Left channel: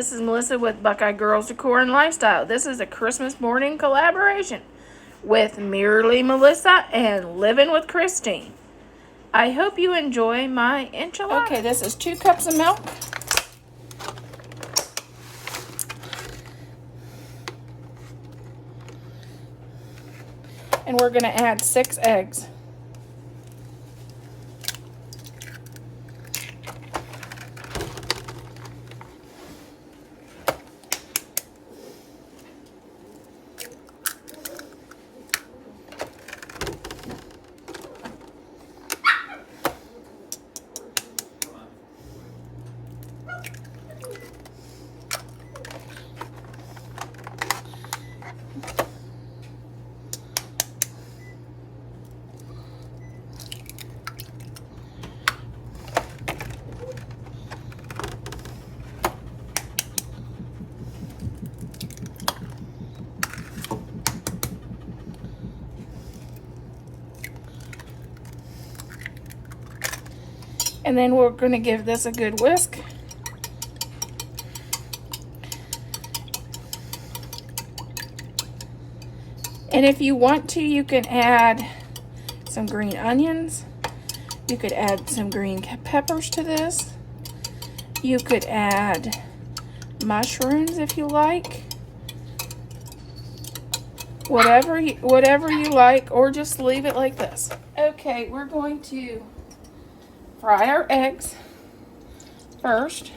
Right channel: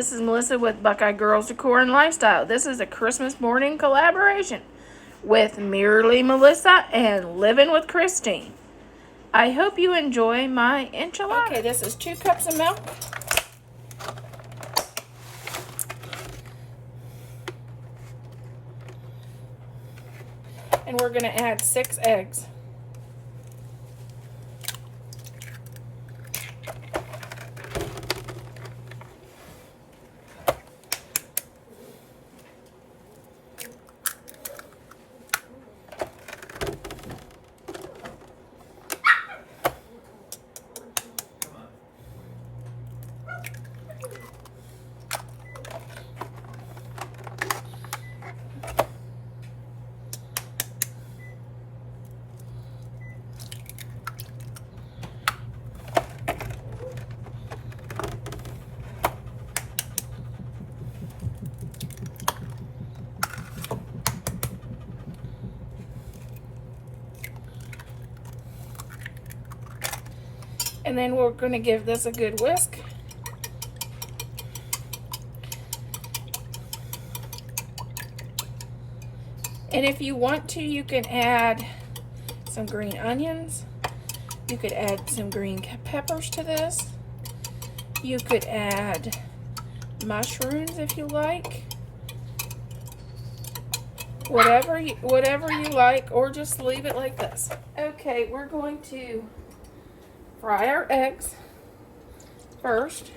this is Melissa with Buckeye Girls Decor and Lifestyle. This is a Christmas morning collaboration with Merely Melissa and Living with Christine. I hope you enjoy my enchilada. Okay, this is 2 cups of milk. And we're going to add 6 eggs. And then we're going to give this a good whisk. And if you want to, you can add some green onions. You could add some green peppers to this. You could add mushrooms if you like. Whatever you like, or just leave it like this. Okay, we're going to fry our eggs first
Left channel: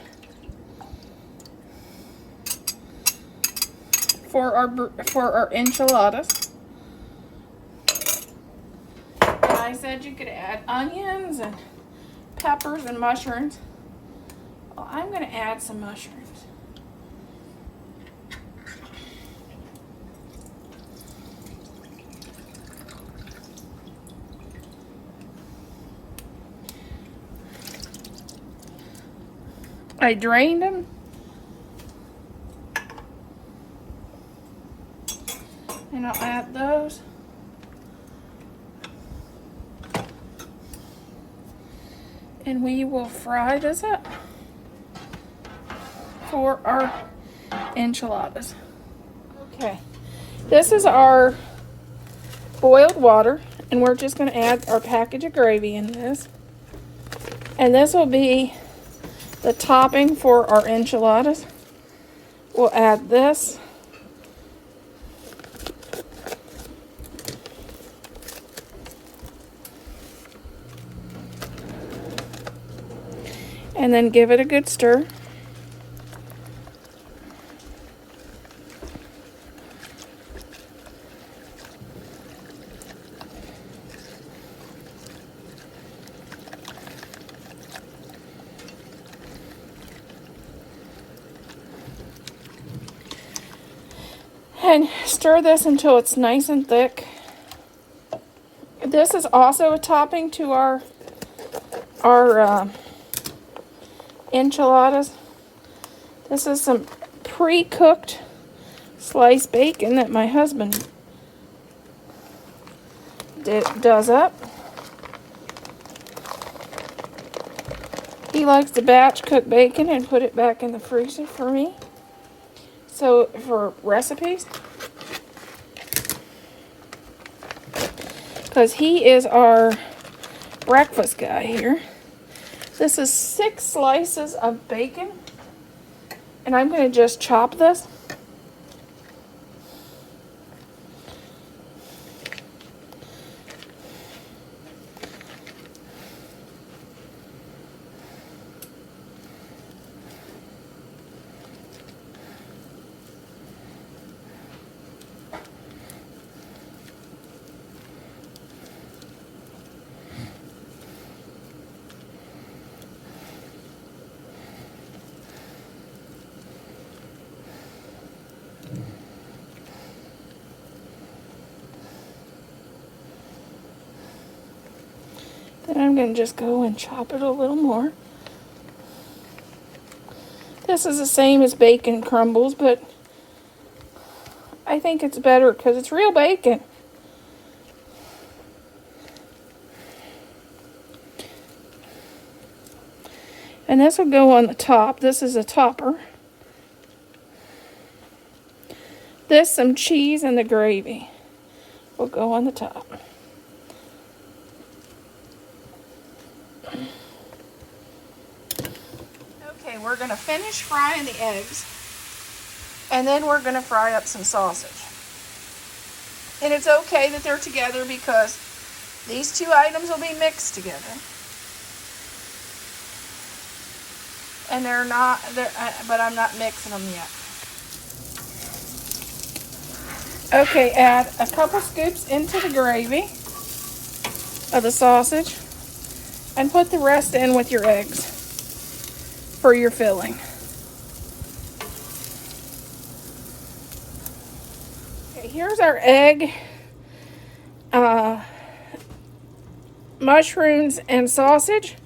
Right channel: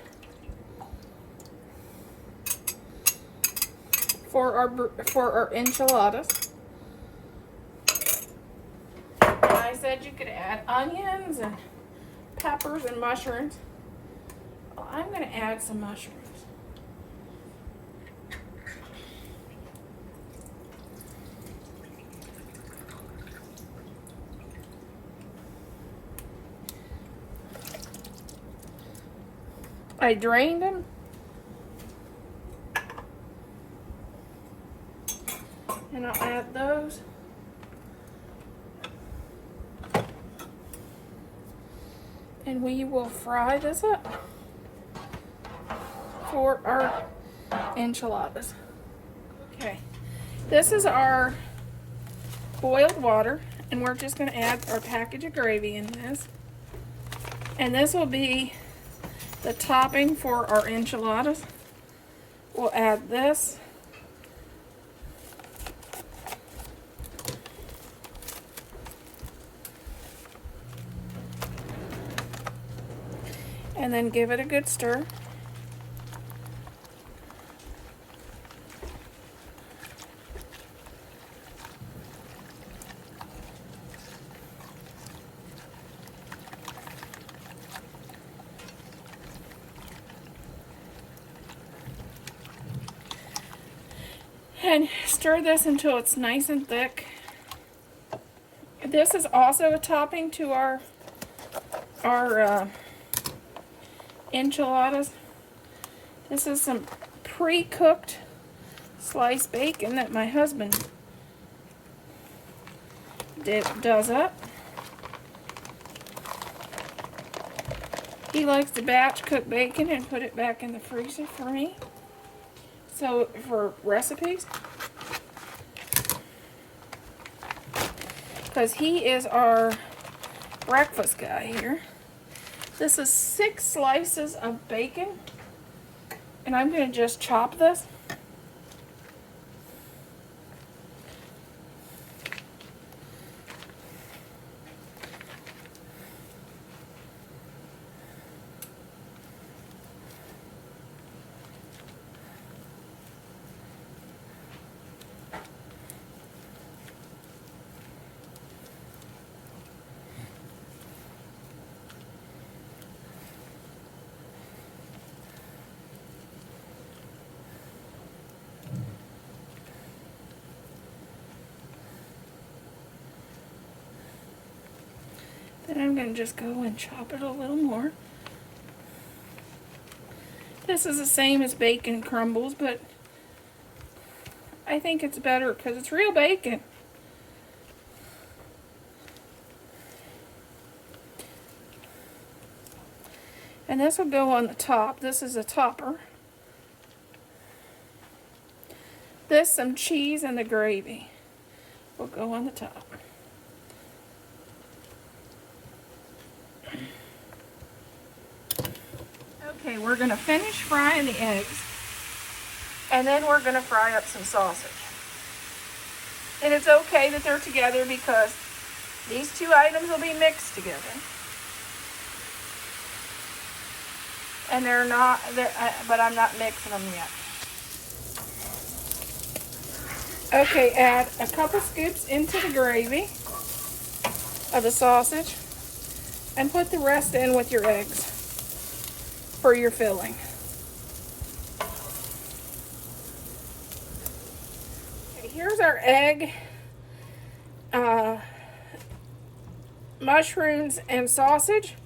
for our enchiladas. And I said you could add onions and peppers and mushrooms. Well, I'm going to add some mushrooms. I drained them. And I'll add those. And we will fry this up for our enchiladas. Okay, this is our boiled water, and we're just going to add our package of gravy in this. And this will be the topping for our enchiladas. We'll add this. And then give it a good stir. And stir this until it's nice and thick. This is also a topping to our enchiladas. This is some pre-cooked sliced bacon that my husband does up. He likes to batch cook bacon and put it back in the freezer for me. So for recipes, because he is our breakfast guy here. This is 6 slices of bacon, and I'm going to just chop this. Then I'm going to just go and chop it a little more. This is the same as bacon crumbles, but I think it's better because it's real bacon. And this will go on the top. This is a topper. this some cheese and the gravy will go on the top. Okay, we're going to finish frying the eggs, and then we're going to fry up some sausage. And it's okay that they're together because these two items will be mixed together. And they're not, but I'm not mixing them yet. Okay, add a couple scoops into the gravy of the sausage and put the rest in with your eggs for your filling. Okay, here's our egg, mushrooms and sausage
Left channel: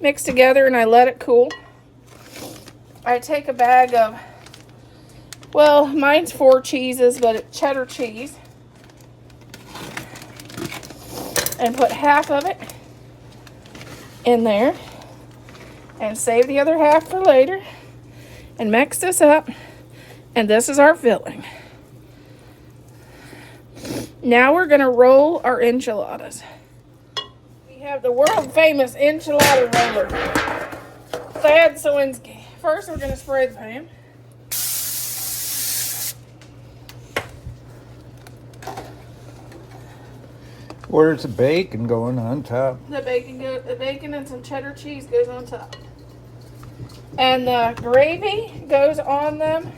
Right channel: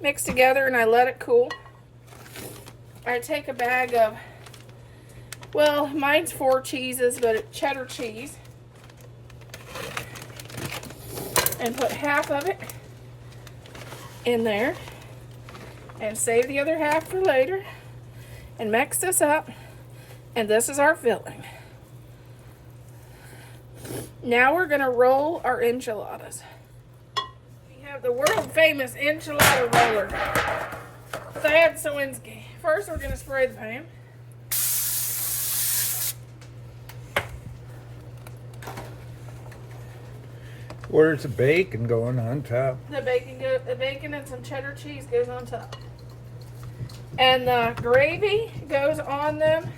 mixed together, and I let it cool. I take a bag of, well, mine's 4 cheeses, but it's cheddar cheese, and put half of it in there and save the other half for later and mix this up, and this is our filling. Now we're going to roll our enchiladas. We have the world famous enchilada roller. First we're going to spray the pan. Where's the bacon going on top? The bacon and some cheddar cheese goes on top. And the gravy goes on them.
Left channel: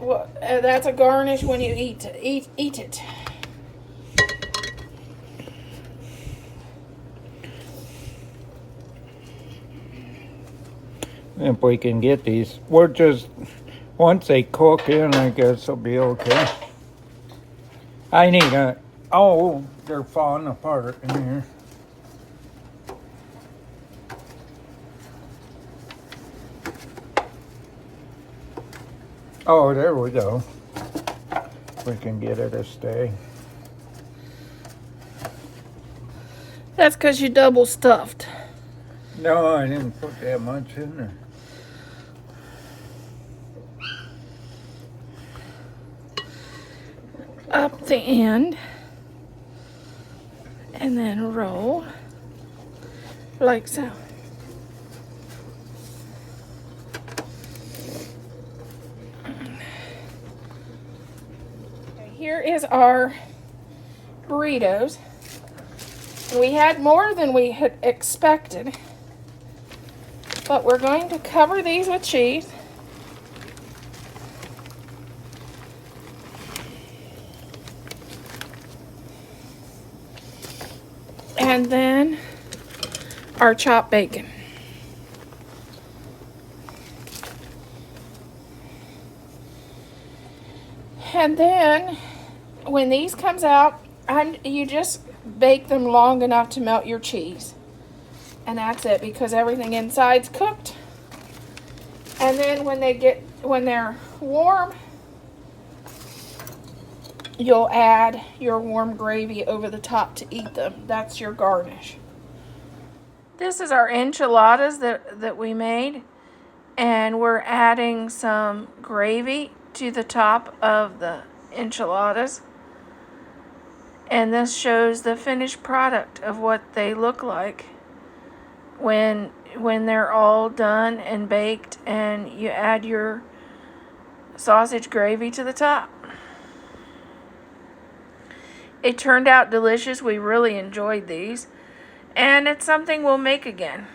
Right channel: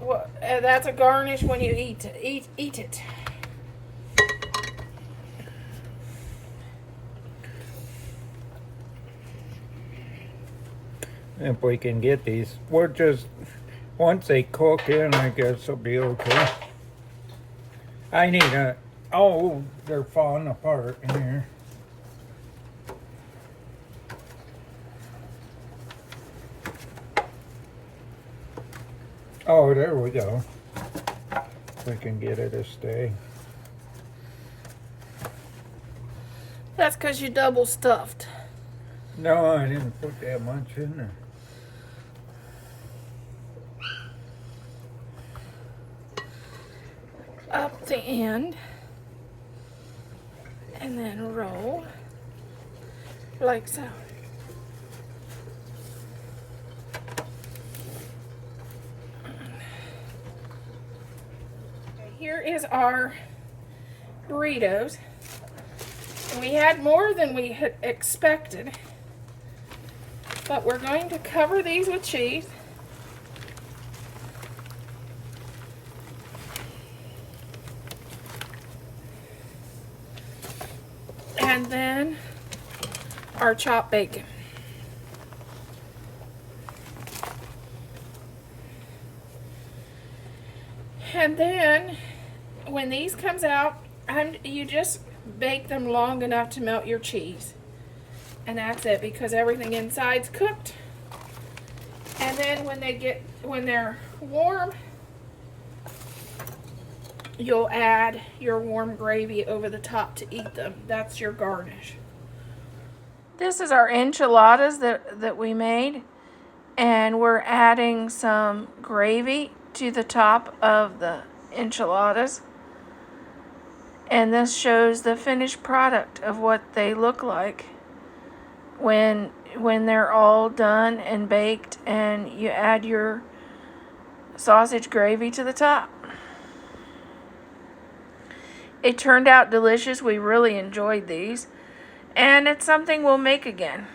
Well, that's a garnish when you eat it. If we can get these, we're just, once they cook in, I guess it'll be okay. I need a, oh, they're falling apart in here. Oh, there we go. We can get it to stay. That's because you double stuffed. No, I didn't put that much in there. Up the end and then roll like so. Here is our burritos. We had more than we had expected, but we're going to cover these with cheese. And then our chopped bacon. And then when these comes out, you just bake them long enough to melt your cheese. And that's it, because everything inside's cooked. And then when they're warm, you'll add your warm gravy over the top to eat them. That's your garnish. This is our enchiladas that we made, and we're adding some gravy to the top of the enchiladas. And this shows the finished product of what they look like when they're all done and baked, and you add your sausage gravy to the top. It turned out delicious. We really enjoyed these, and it's something we'll make again.